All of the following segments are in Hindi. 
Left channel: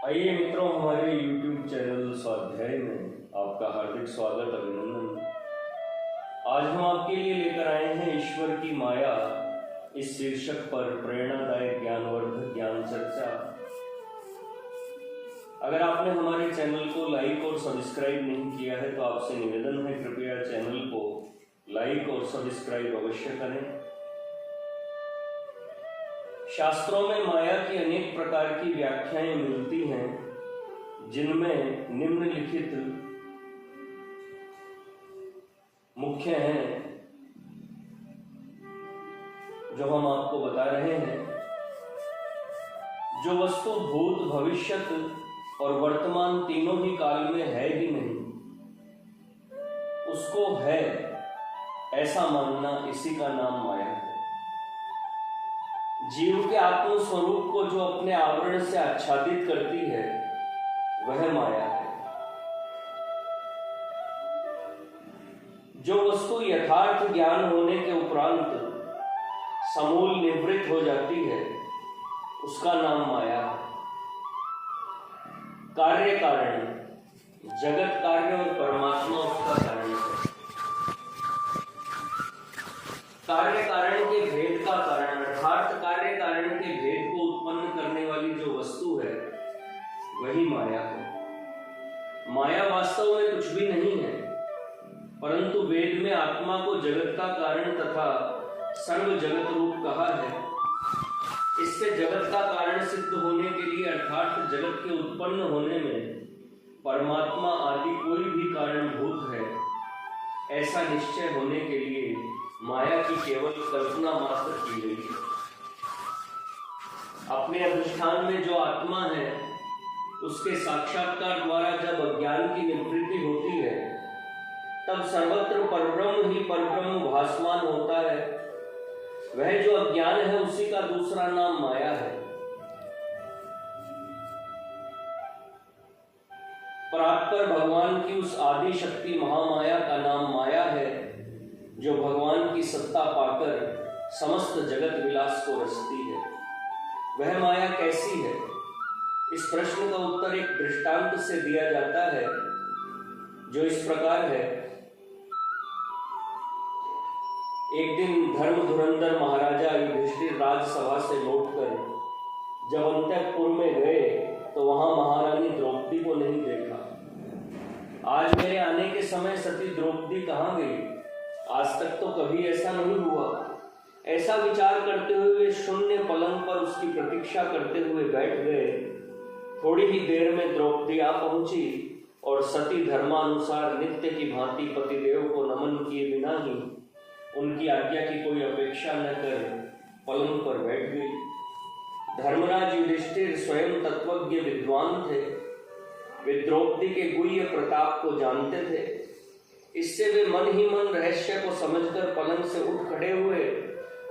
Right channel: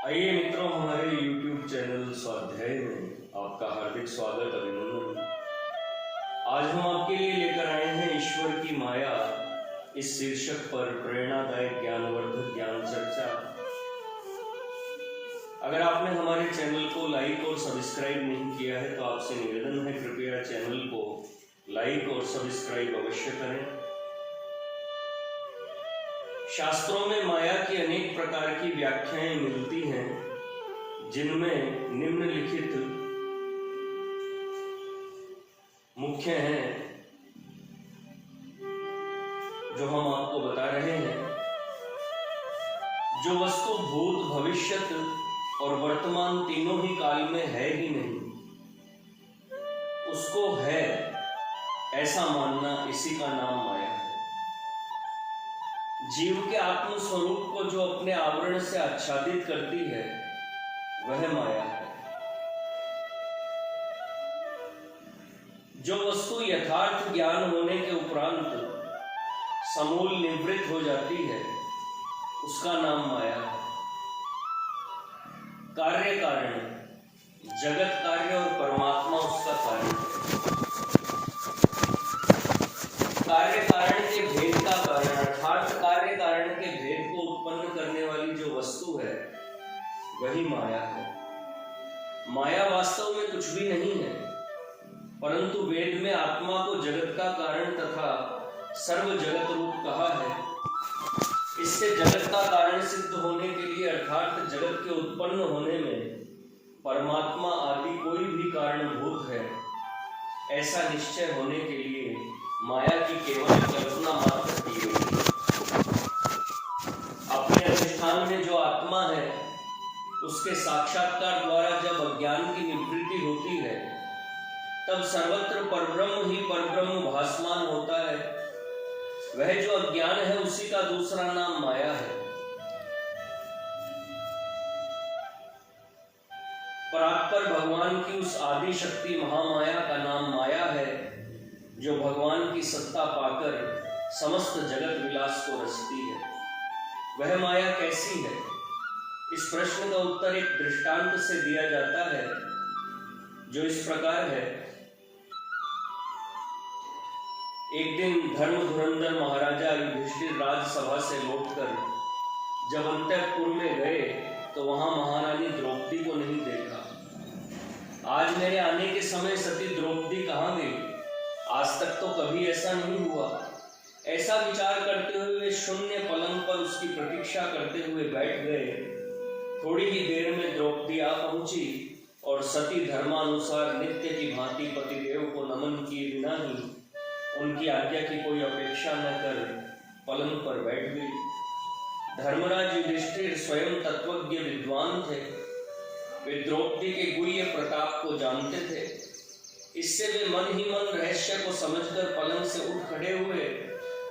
आइए मित्रों, हमारे YouTube चैनल स्वाध्याय में आपका हार्दिक स्वागत, अभिनंदन। आज हम आपके लिए लेकर आए हैं ईश्वर की माया इस शीर्षक पर प्रेरणादायक ज्ञानवर्धक ज्ञान चर्चा। अगर आपने हमारे चैनल को लाइक और सब्सक्राइब नहीं किया है तो आपसे निवेदन है, कृपया चैनल को लाइक और सब्सक्राइब अवश्य करें। शास्त्रों में माया की अनेक प्रकार की व्याख्याएं मिलती हैं, जिनमें निम्नलिखित मुख्य हैं जो हम आपको बता रहे हैं। जो वस्तु भूत, भविष्यत और वर्तमान तीनों ही काल में है ही नहीं, उसको है ऐसा मानना, इसी का नाम माया है। जीव के आत्म स्वरूप को जो अपने आवरण से आच्छादित करती है वह माया है। जो वस्तु यथार्थ ज्ञान होने के उपरांत समूल निवृत्त हो जाती है उसका नाम माया है। कार्य कारण, जगत कार्य और परमात्मा उसका कारण है। कार्य कारण के भेद का कारण अर्थात कार्य कारण के भेद को उत्पन्न करने वाली जो वस्तु है वही माया है। माया वास्तव में कुछ भी नहीं है, परंतु वेद में आत्मा को जगत का कारण तथा सर्व जगत रूप कहा है। इससे जगत का कारण सिद्ध होने के लिए अर्थात जगत के उत्पन्न होने में परमात्मा आदि कोई भी कारणभूत है ऐसा निश्चय होने के लिए माया की केवल कल्पना मात्र की गई। अपने अधिष्ठान में जो आत्मा है उसके साक्षात्कार द्वारा जब अज्ञान की निवृत्ति होती है तब सर्वत्र परब्रह्म ही परब्रह्म भासमान होता है। वह जो अज्ञान है उसी का दूसरा नाम माया है। परात्पर भगवान की उस आदि शक्ति महामाया का नाम माया है, जो भगवान की सत्ता पाकर समस्त जगत विलास को रचती है। वह माया कैसी है? इस प्रश्न का उत्तर एक दृष्टांत से दिया जाता है, जो इस प्रकार है। एक दिन धर्म धुरंधर महाराजा युधिष्ठिर राजसभा से लौटकर जब अंतःपुर में गए तो वहां महारानी द्रौपदी को नहीं देखा। आज मेरे आने के समय सती द्रौपदी कहाँ गई? आज तक तो कभी ऐसा नहीं हुआ। ऐसा विचार करते हुए वे शून्य पलंग पर उसकी प्रतीक्षा करते हुए बैठ गए। थोड़ी ही देर में द्रौपदी आ पहुंची और सती धर्मानुसार नित्य की भांति पतिदेव को नमन किए बिना ही उनकी आज्ञा की कोई अपेक्षा न कर पलंग पर बैठ गई। धर्मराज युधिष्ठिर स्वयं तत्वज्ञ विद्वान थे। वे द्रौपदी के गुह्य प्रताप को जानते थे। इससे वे मन ही मन रहस्य को समझकर पलंग से उठ खड़े हुए।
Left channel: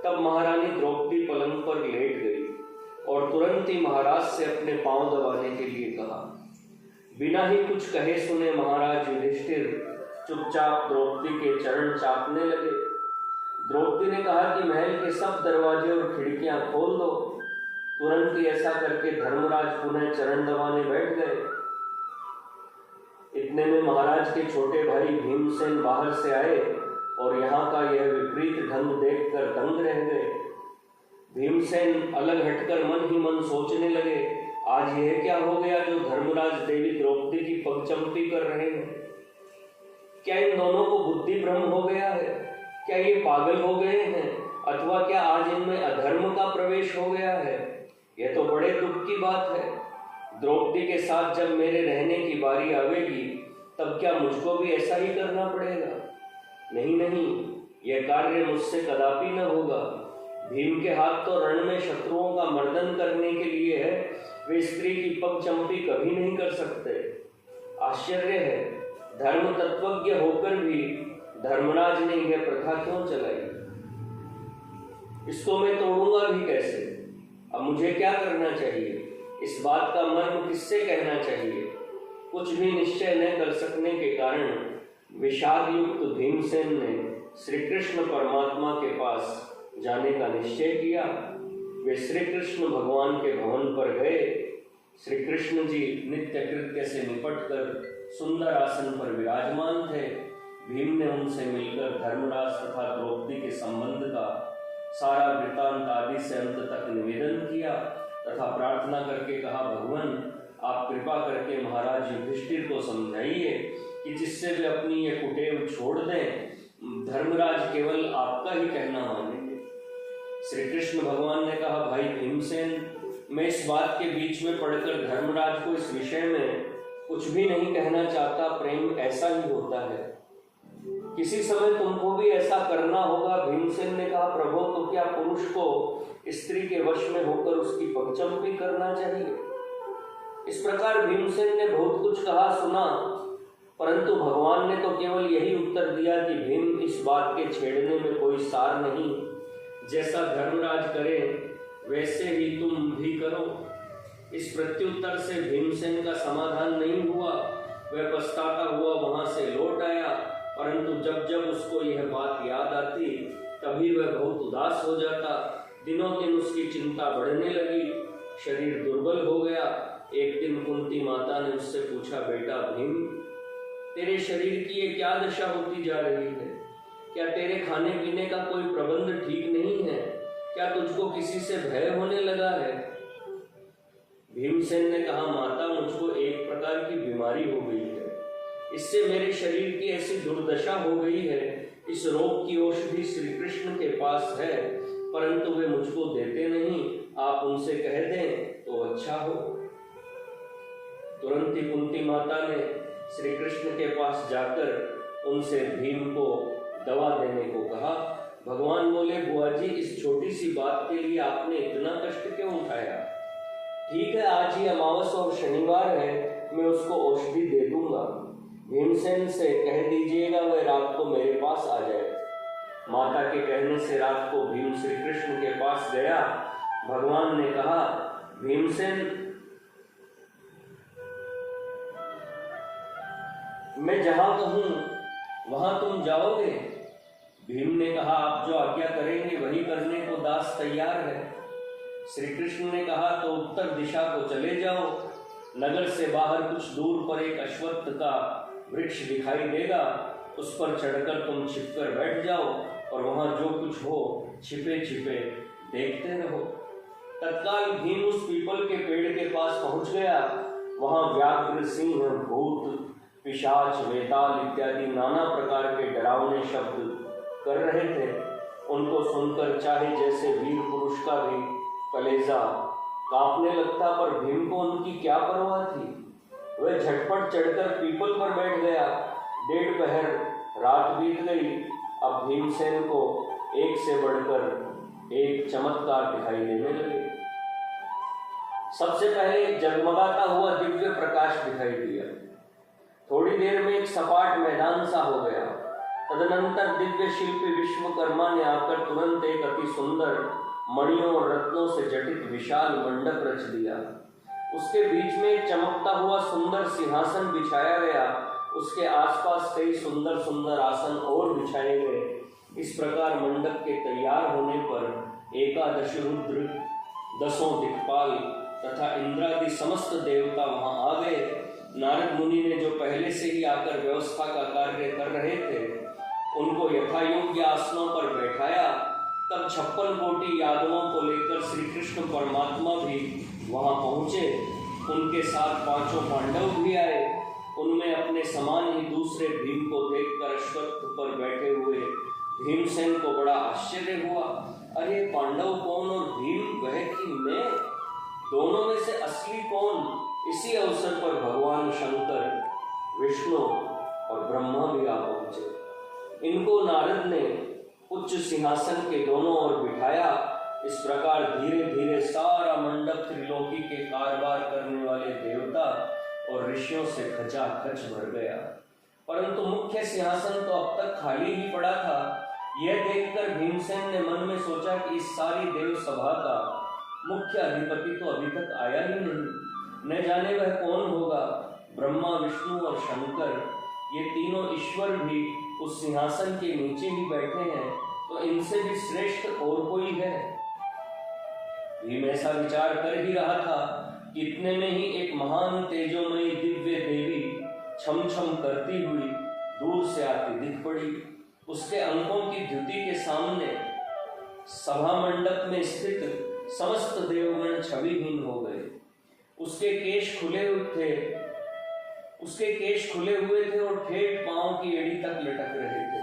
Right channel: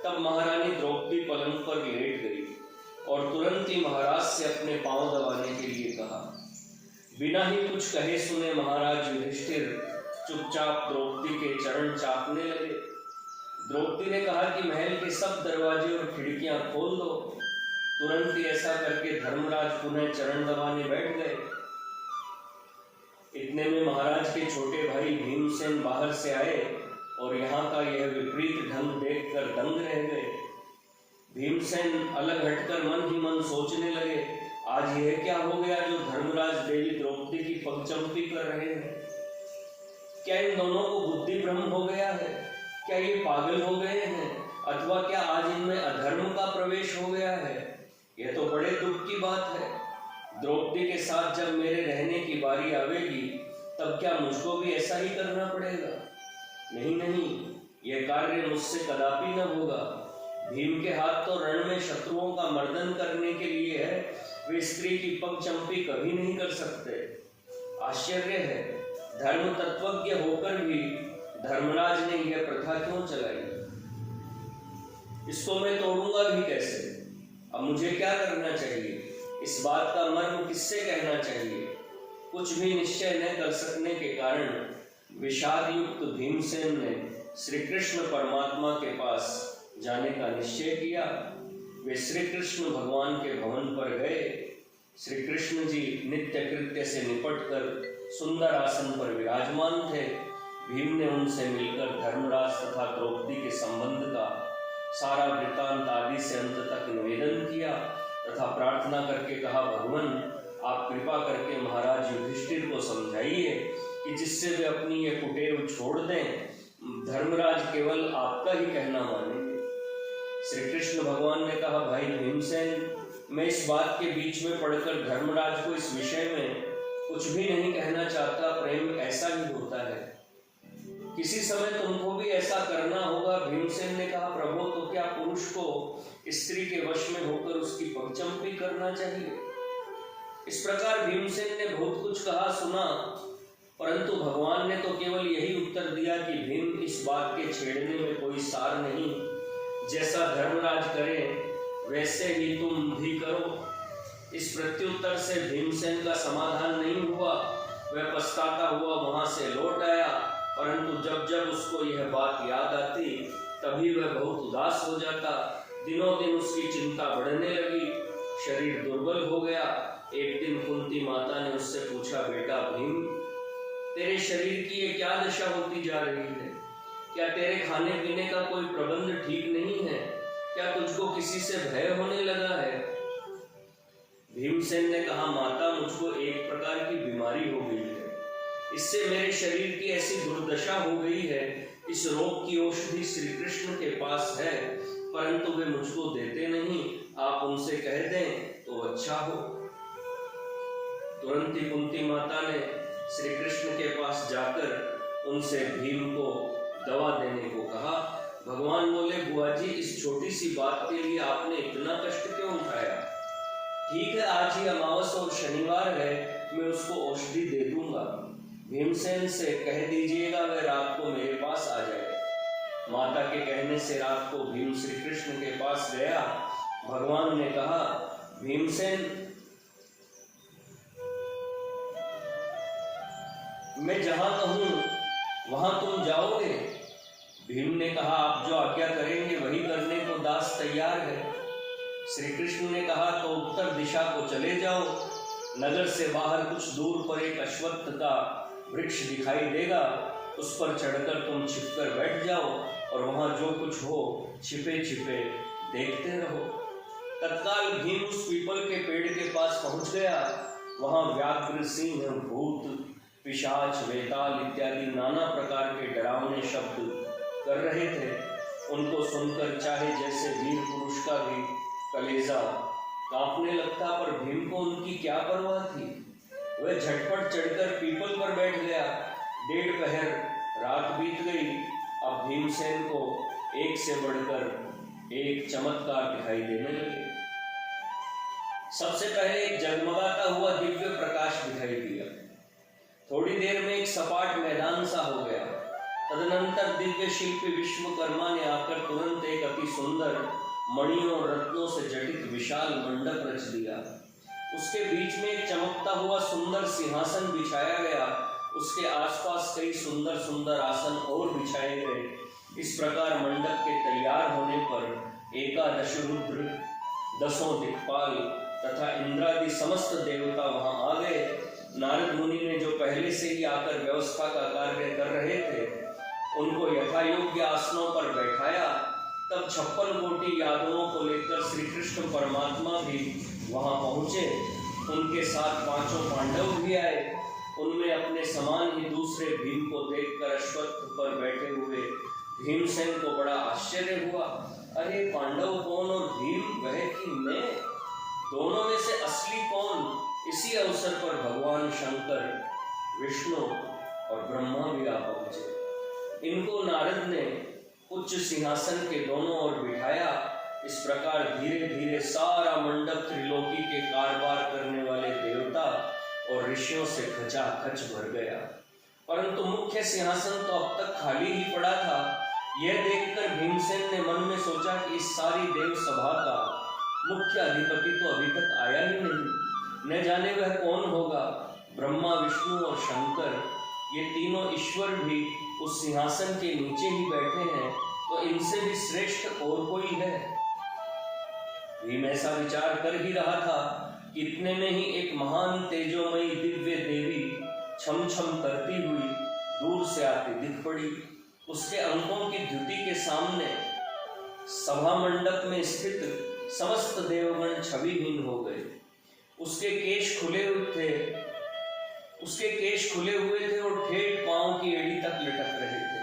तब महारानी द्रौपदी पलंग पर लेट गई और तुरंत ही महाराज से अपने पांव दबाने के लिए कहा। बिना ही कुछ कहे सुने महाराज युधिष्ठिर चुपचाप द्रौपदी के चरण चापने लगे। द्रौपदी ने कहा कि महल के सब दरवाजे और खिड़कियां खोल दो। तुरंत ही ऐसा करके धर्मराज पुनः चरण दबाने बैठ गए। इतने में महाराज के छोटे भाई भीमसेन बाहर से आए और यहाँ का यह विपरीत ढंग देखकर दंग रह गए। भीमसेन अलग हटकर मन ही मन सोचने लगे, आज यह क्या हो गया जो धर्मराज देवी द्रौपदी की पगचंपी कर रहे हैं? क्या इन दोनों को बुद्धि भ्रम हो गया है? क्या ये पागल हो गए हैं? अथवा क्या आज इनमें अधर्म का प्रवेश हो गया है? यह तो बड़े दुख की बात है। द्रौपदी के साथ जब मेरे रहने की बारी आवेगी तब क्या मुझको भी ऐसा ही करना पड़ेगा? नहीं नहीं, यह कार्य मुझसे कदापि न होगा। भीम के हाथ तो रण में शत्रुओं का मर्दन करने के लिए है, वे स्त्री की पगचंपी कभी नहीं कर सकते। आश्चर्य है, धर्म तत्वज्ञ होकर भी धर्मराज ने यह प्रथा क्यों चलाई? इसको मैं तोड़ूंगा भी कैसे? अब मुझे क्या करना चाहिए? इस बात का मर्म किससे कहना चाहिए? कुछ भी निश्चय न कर सकने के कारण विषाद युक्त भीमसेन ने श्री कृष्ण परमात्मा के पास जाने का निश्चय किया। वे श्री कृष्ण भगवान के भवन पर गए। श्री कृष्ण जी नित्य कृत्य से निपटकर सुंदर आसन पर विराजमान थे। भीम ने उनसे मिलकर धर्मराज तथा द्रौपदी के संबंध का सारा वृत्तांत आदि से अंत तक निवेदन किया तथा प्रार्थना करके कहा, भगवान आप कृपा करके महाराज युधिष्ठिर को समझाइए कि जिससे वे अपनी ये कुटेव छोड़ दें, धर्मराज केवल आपका ही कहना मानेंगे। श्री कृष्ण भगवान ने कहा, भाई भीमसेन, मैं इस बात के बीच में पड़कर धर्मराज को इस विषय में कुछ भी नहीं कहना चाहता। प्रेम ऐसा ही होता है, किसी समय तुमको भी ऐसा करना होगा। भीमसेन ने कहा, प्रभु तो क्या पुरुष को स्त्री के वश में होकर उसकी पगचंपी करना चाहिए? इस प्रकार भीमसेन ने बहुत कुछ कहा सुना, परंतु भगवान ने तो केवल यही उत्तर दिया कि भीम, इस बात के छेड़ने में कोई सार नहीं। जैसा धर्मराज करे वैसे ही तुम भी करो। इस प्रत्युत्तर से भीमसेन का समाधान नहीं हुआ। वह पछताता हुआ वहां से लौट आया, परंतु जब जब उसको यह बात याद आती तभी वह बहुत उदास हो जाता। दिनों दिन उसकी चिंता बढ़ने लगी, शरीर दुर्बल हो गया। एक दिन कुंती माता ने उससे पूछा, बेटा भीम, तेरे शरीर की ये क्या दशा होती जा रही है? क्या तेरे खाने पीने का कोई प्रबंध ठीक नहीं है? क्या तुझको किसी से भय होने लगा है? भीमसेन ने कहा, माता, मुझको एक प्रकार की बीमारी हो गई है। इससे मेरे शरीर की ऐसी दुर्दशा हो गई है। इस रोग की औषधि श्री कृष्ण के पास है, परंतु वे मुझको देते नहीं। आप उनसे कह दें तो अच्छा हो। तुरंत ही कुंती माता ने श्री कृष्ण के पास जाकर उनसे भीम को दवा देने को कहा। भगवान बोले, बुआ जी, इस छोटी सी बात के लिए आपने इतना कष्ट क्यों उठाया? ठीक है, आज ही अमावस और शनिवार है, मैं उसको औषधि दे दूंगा। भीमसेन से कह दीजिएगा वह रात को मेरे पास आ जाए। माता के कहने से रात को भीम श्री कृष्ण के पास गया। भगवान ने कहा, भीमसेन, मैं जहां कहूं वहां तुम जाओगे? भीम ने कहा, आप जो आज्ञा करेंगे वही करने को दास तैयार है। श्री कृष्ण ने कहा, तो उत्तर दिशा को चले जाओ। नगर से बाहर कुछ दूर पर एक अश्वत्थ का वृक्ष दिखाई देगा, उस पर चढ़कर तुम छिपकर बैठ जाओ और वहां जो कुछ हो छिपे छिपे देखते रहो। तत्काल भीम उस पीपल के पेड़ के पास पहुंच गया। वहां व्याघ्र, सिंह, भूत, पिशाच, वेताल इत्यादि नाना प्रकार के डरावने शब्द कर रहे थे। उनको सुनकर चाहे जैसे वीर पुरुष का भी कलेजा कांपने लगता, पर भीम को उनकी क्या परवाह थी। वह झटपट चढ़कर पीपल पर बैठ गया। 1.5 पहर रात बीत गई। अब भीमसेन को एक से बढ़कर एक चमत्कार दिखाई देने लगे। सबसे पहले एक जगमगाता हुआ दिव्य प्रकाश दिखाई दिया। थोड़ी देर में एक सपाट मैदान सा हो गया। तदनंतर दिव्य शिल्पी विश्वकर्मा ने आकर तुरंत एक अति सुंदर मणियों और रत्नों से जटित विशाल मंडप रच दिया। उसके बीच में एक चमकता हुआ सुंदर सिंहासन बिछाया गया। उसके आसपास कई सुंदर सुंदर आसन और बिछाए गए। इस प्रकार मंडप के तैयार होने पर 11 रुद्र, 10 दिक्पाल तथा इंद्रादि समस्त देवता वहां आ गए। नारद मुनि ने जो पहले से ही आकर व्यवस्था का कार्य कर रहे थे, उनको यथायोग्य आसनों पर बैठाया। तब 56 कोटि यादवों को लेकर श्री कृष्ण परमात्मा भी वहां पहुंचे। उनके साथ 5 पांडव भी आए। उनमें अपने समान ही दूसरे भीम को देखकर अश्वत्थ पर बैठे हुए भीमसेन को बड़ा आश्चर्य हुआ। अरे पांडव कौन और भीम वह कि मैं, दोनों में से असली कौन? इसी अवसर पर भगवान शंकर, विष्णु और ब्रह्मा भी आ पहुंचे। इनको नारद ने उच्च सिंहासन के दोनों ओर बिठाया। इस प्रकार धीरे धीरे सारा मंडप त्रिलोकी के कारभार करने वाले देवता और ऋषियों से खचाखच भर गया। परंतु मुख्य सिंहासन तो अब तक खाली ही पड़ा था। यह देखकर भीमसेन ने मन में सोचा कि इस सारी देव सभा का मुख्य अधिपति तो अभी तक आया ही नहीं, न जाने वह कौन होगा। ब्रह्मा, विष्णु और शंकर, ये तीनों ईश्वर भी उस सिंहासन के नीचे ही बैठे हैं, तो इनसे भी श्रेष्ठ और कोई है? भीम ऐसा विचार कर ही रहा था, कि इतने में ही एक महान तेजोमयी दिव्य देवी छम छम करती हुई दूर से आती दिख पड़ी। उसके अंकों की द्युति के सामने सभा मंडप में स्थित समस्त देवगण छविहीन हो गए। उसके केश खुले हुए थे और ठेठ पांव की एड़ी तक लटक रहे थे।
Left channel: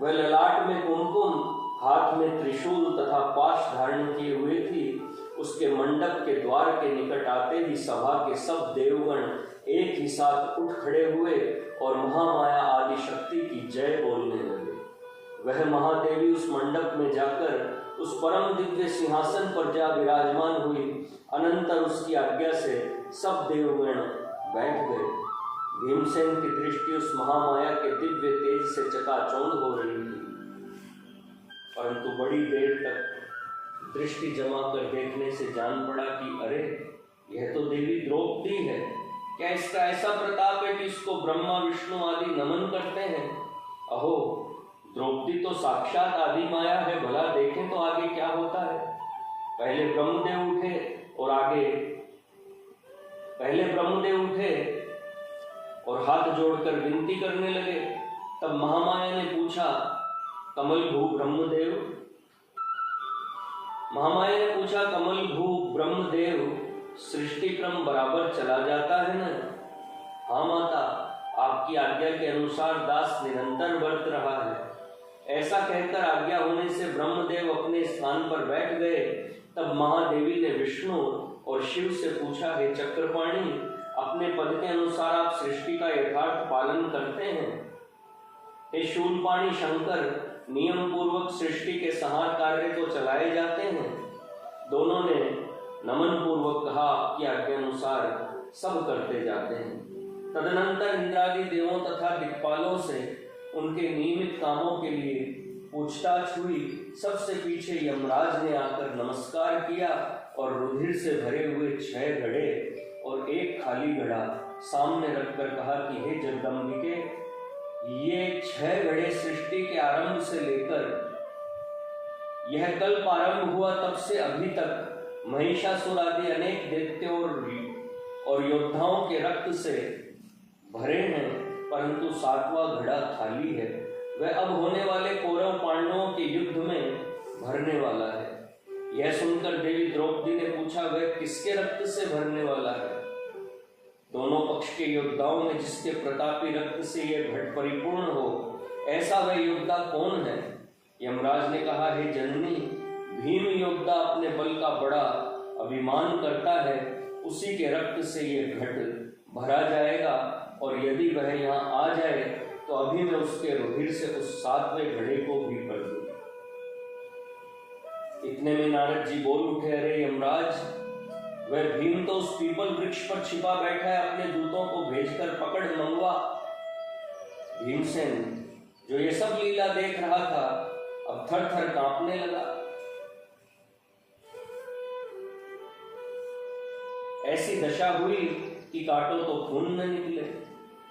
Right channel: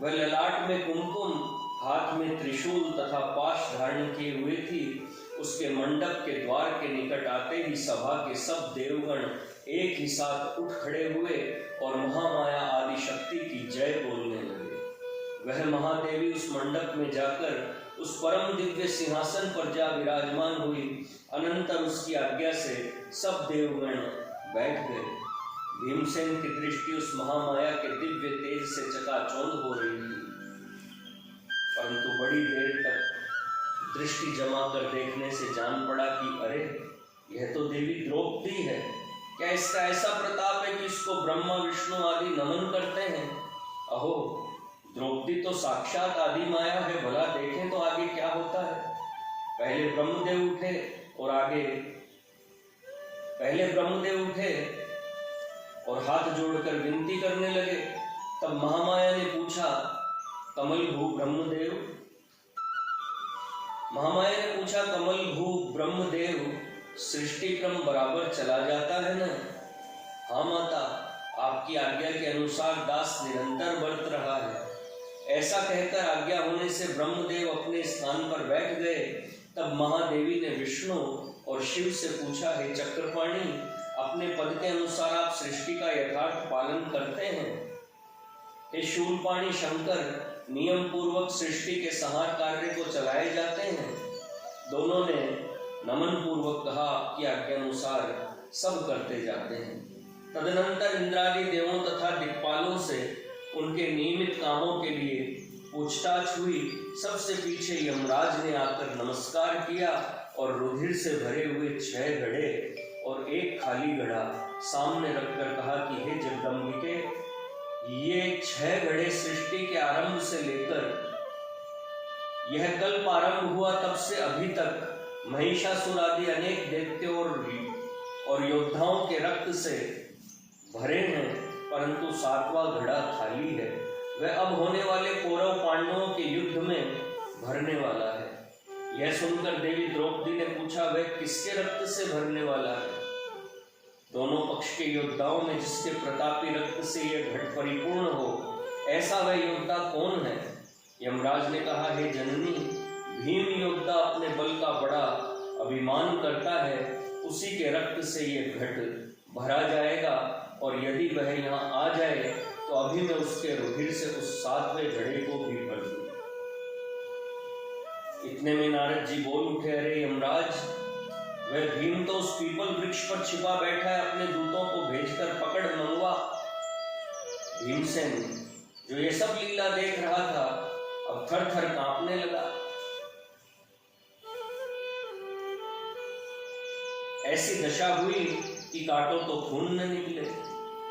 वह ललाट में कुमकुम, हाथ में त्रिशूल तथा पाश धारण किए हुए थी। उसके मंडप के द्वार के निकट आते ही सभा के सब देवगण एक ही साथ उठ खड़े हुए और महामाया आदि शक्ति की जय बोलने लगे। वह महादेवी उस मंडप में जाकर उस परम दिव्य सिंहासन पर जा विराजमान हुई। अनंतर उसकी आज्ञा से सब देवगण बैठ गए। भीमसेन की दृष्टि उस महामाया के दिव्य तेज से चकाचौंध हो रही थी, परंतु बड़ी देर तक दृष्टि जमा कर देखने से जान पड़ा कि अरे, यह तो देवी द्रौपदी है। क्या इसका ऐसा प्रताप है कि इसको ब्रह्मा विष्णु आदि नमन करते हैं? अहो, द्रौपदी तो साक्षात आदि माया है। भला देखें तो आगे क्या होता है। पहले ब्रह्मदेव उठे और हाथ जोड़कर विनती करने लगे। तब महामाया ने पूछा, कमल भू ब्रह्मदेव, सृष्टि क्रम बराबर चला जाता है न? हाँ माता, आपकी आज्ञा के अनुसार दास निरंतर बरत रहा है। ऐसा कहकर आज्ञा होने से ब्रह्मदेव अपने स्थान पर बैठ गए। तब महादेवी ने विष्णु और शिव से पूछा, हे चक्रपाणी, अपने पद के अनुसार आप सृष्टि का यथार्थ पालन करते हैं? हे शूलपाणी शंकर, नियम पूर्वक सृष्टि के संहार कार्य को चलाए जाते हैं? दोनों ने नमन पूर्वक कहा कि आज्ञानुसार सब करते जाते हैं। तदनंतर इंद्रादि देवों तथा दिक्पालों से उनके नियमित कामों के लिए पूछताछ हुई। सबसे पीछे यमराज ने आकर नमस्कार किया और रुधिर से भरे हुए 6 घड़े और एक खाली घड़ा सामने रखकर कहा कि हे जगदम्बिके, ये 6 घड़े सृष्टि के आरंभ से लेकर यह कल्प आरंभ हुआ तब से अभी तक महिषासुर आदि अनेक दैत्यों और योद्धाओं के रक्त से भरे हैं, परंतु 7वां घड़ा खाली है। वह अब होने वाले कौरव पांडवों के युद्ध में भरने वाला है। यह सुनकर देवी द्रौपदी ने पूछा, वह किसके रक्त से भरने वाला है? दोनों पक्ष के योद्धाओं में जिसके प्रतापी रक्त से यह घट परिपूर्ण हो, ऐसा वह योद्धा कौन है? यमराज ने कहा, हे जननी, भीम योद्धा अपने बल का बड़ा अभिमान करता है, उसी के रक्त से यह घट भरा जाएगा, और यदि वह यहाँ आ जाए तो अभी मैं उसके रुधिर से उस 7वें घड़े को भी भर दूं। इतने में नारद जी बोल उठे, अरे यमराज, वह भीम तो उस पीपल वृक्ष पर छिपा बैठा है, अपने दूतों को भेजकर पकड़ मंगवा। भीमसेन, जो ये सब लीला देख रहा था, अब थर थर कांपने लगा। ऐसी दशा हुई कि काटो तो खून न निकले।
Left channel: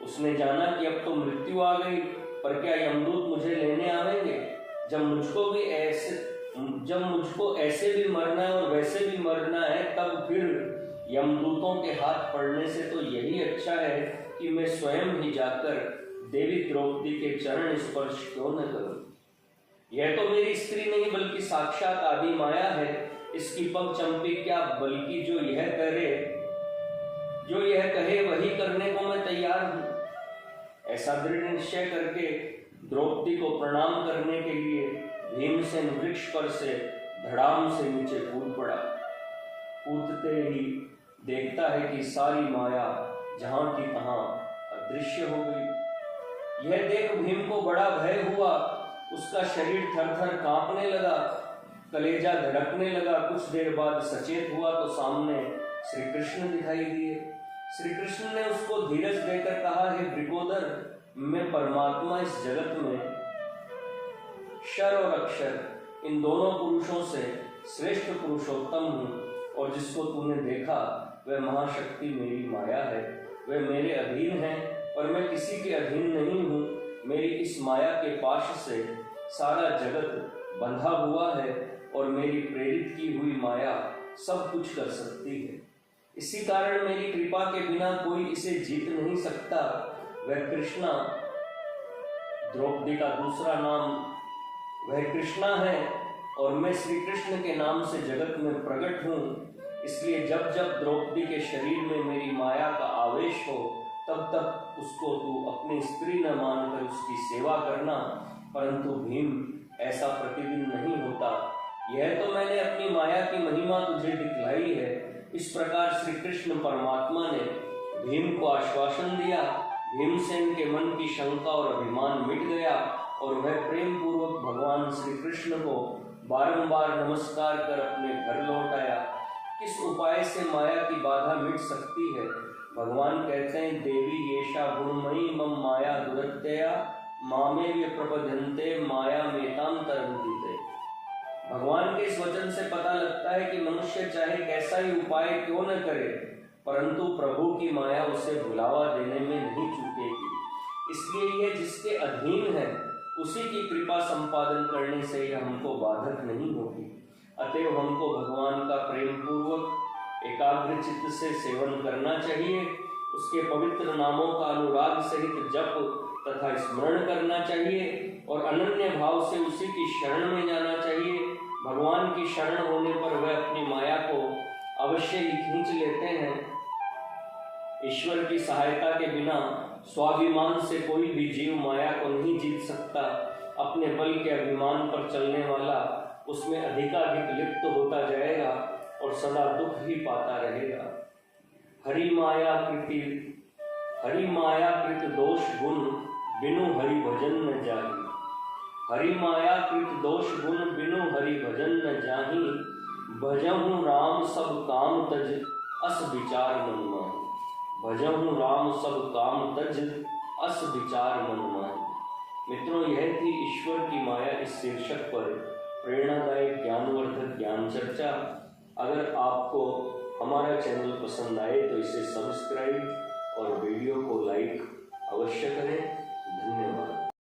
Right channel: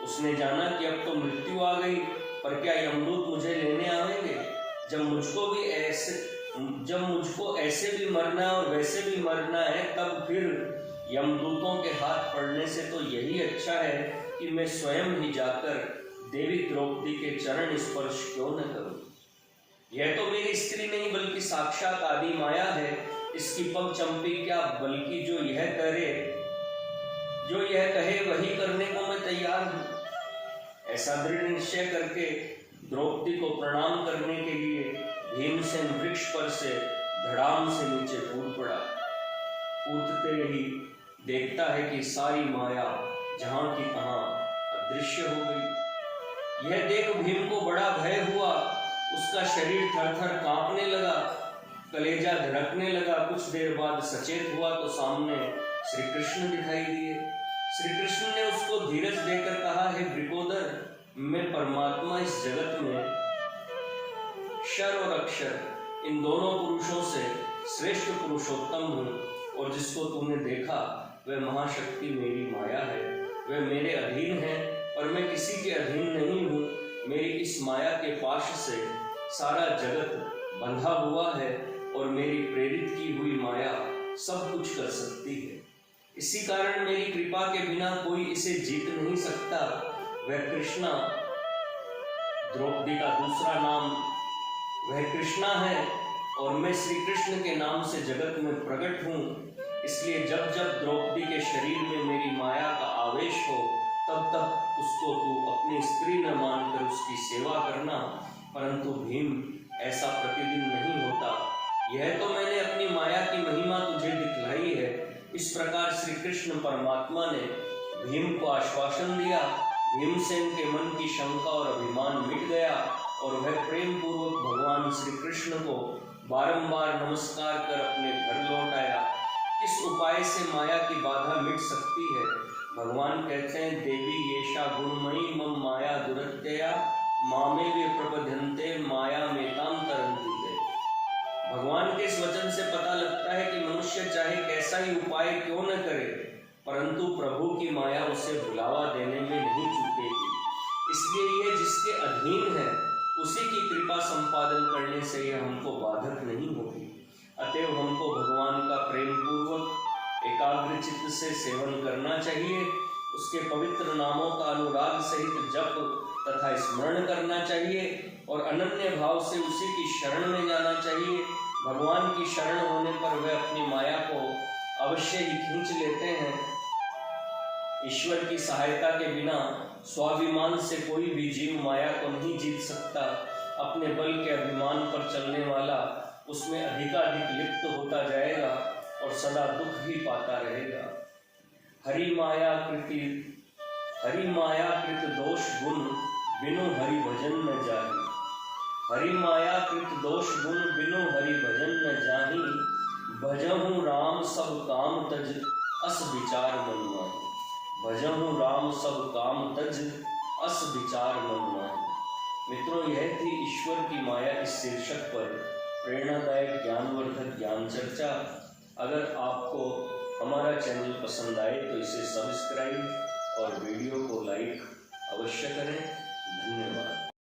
उसने जाना कि अब तो मृत्यु आ गई, पर क्या यमदूत मुझे लेने आवेंगे? जब मुझको ऐसे भी मरना है और वैसे भी मरना है, तब फिर यमदूतों के हाथ पड़ने से तो यही अच्छा है कि मैं स्वयं ही जाकर देवी द्रौपदी के चरण स्पर्श क्यों न करूं। यह तो मेरी स्त्री नहीं बल्कि साक्षात आदि माया है। इसकी पग चंपी क्या, बल्कि जो यह कहे वही करने को मैं तैयार हूं। ऐसा दृढ़ निश्चय करके द्रौपदी को प्रणाम करने के लिए भीमसेन वृक्ष पर से धड़ाम से नीचे कूद पड़ा। कूदते ही देखता है कि सारी माया जहां की तहां अदृश्य हो गई। यह देख भीम को बड़ा भय हुआ। उसका शरीर थर-थर कांपने लगा, कलेजा धड़कने लगा। कुछ देर बाद सचेत हुआ तो सामने श्री कृष्ण दिखाई दिए। श्री कृष्ण ने उसको धीरज देकर कहा, हे वृकोदर, मैं परमात्मा इस जगत में क्षर और अक्षर इन दोनों पुरुषों से श्रेष्ठ पुरुषोत्तम हूँ, और जिसको तूने देखा वह महाशक्ति मेरी माया है। वह मेरे अधीन है और मैं किसी के अधीन नहीं हूँ। मेरी इस माया के पाश से सारा जगत बंधा हुआ है और मेरी प्रेरित की हुई माया सब कुछ कर सकती है। इसी कारण मेरी कृपा के बिना कोई इसे जीत नहीं सकता। वह कृष्णा, द्रौपदी का दूसरा नाम, वह कृष्णा है और मैं श्री कृष्ण के नाम से जगत में प्रकट हूँ। इसलिए जब जब द्रौपदी के शरीर में मेरी माया का आवेश हो, तब तक उसको तू अपनी स्त्री न मानकर उसकी सेवा करना। परंतु भीम, ऐसा प्रतिदिन नहीं होता। यह तो मैंने अपनी माया की महिमा तुझे दिखलाई है। इस प्रकार श्री कृष्ण परमात्मा ने भीम को आश्वासन दिया। भीमसेन के मन की शंका और अभिमान मिट गया और वह प्रेम पूर्वक भगवान श्री कृष्ण को बारंबार नमस्कार कर अपने घर लौट आया। किस उपाय से माया की बाधा मिट सकती है? भगवान कहते हैं, देवी येषा गुणमयी मम माया दुरत्यया मामे वे प्रबध्यन्ते माया मेताम तरन्ति। भगवान के इस वचन से पता लगता है कि मनुष्य चाहे कैसा ही उपाय क्यों न करे, परंतु प्रभु की माया उसे बुलावा देने में नहीं चूकेगी। इसलिए यह जिसके अधीन है उसी की कृपा संपादन करने से यह हमको बाधक नहीं होगी। अतएव हमको भगवान का प्रेम पूर्वक एकाग्र चित्त से सेवन करना चाहिए। उसके पवित्र नामों का अनुराग सहित जप तथा स्मरण करना चाहिए और अनन्य भाव से उसी की शरण में जाना चाहिए। भगवान की शरण होने पर वह अपनी माया को अवश्य ही खींच लेते हैं। ईश्वर की सहायता के बिना स्वाभिमान से कोई भी जीव माया को नहीं जीत सकता। अपने बल के अभिमान पर चलने वाला उसमें अधिकाधिक लिप्त होता जाएगा और सदा दुख ही पाता रहेगा। हरि माया कृत दोष गुण बिनु हरि भजन न जाहि। हरि माया कृत दोष गुण बिनु हरि भजन न जाहि। भजहु राम सब काम तज अस विचार मन माहि। भजहु राम सब काम तज अस विचार मन माहि। मित्रों, यह थी ईश्वर की माया इस शीर्षक पर प्रेरणादायक ज्ञानवर्धक ज्ञान चर्चा। अगर आपको हमारा चैनल पसंद आए तो इसे सब्सक्राइब और वीडियो को लाइक अवश्य करें। धन्यवाद।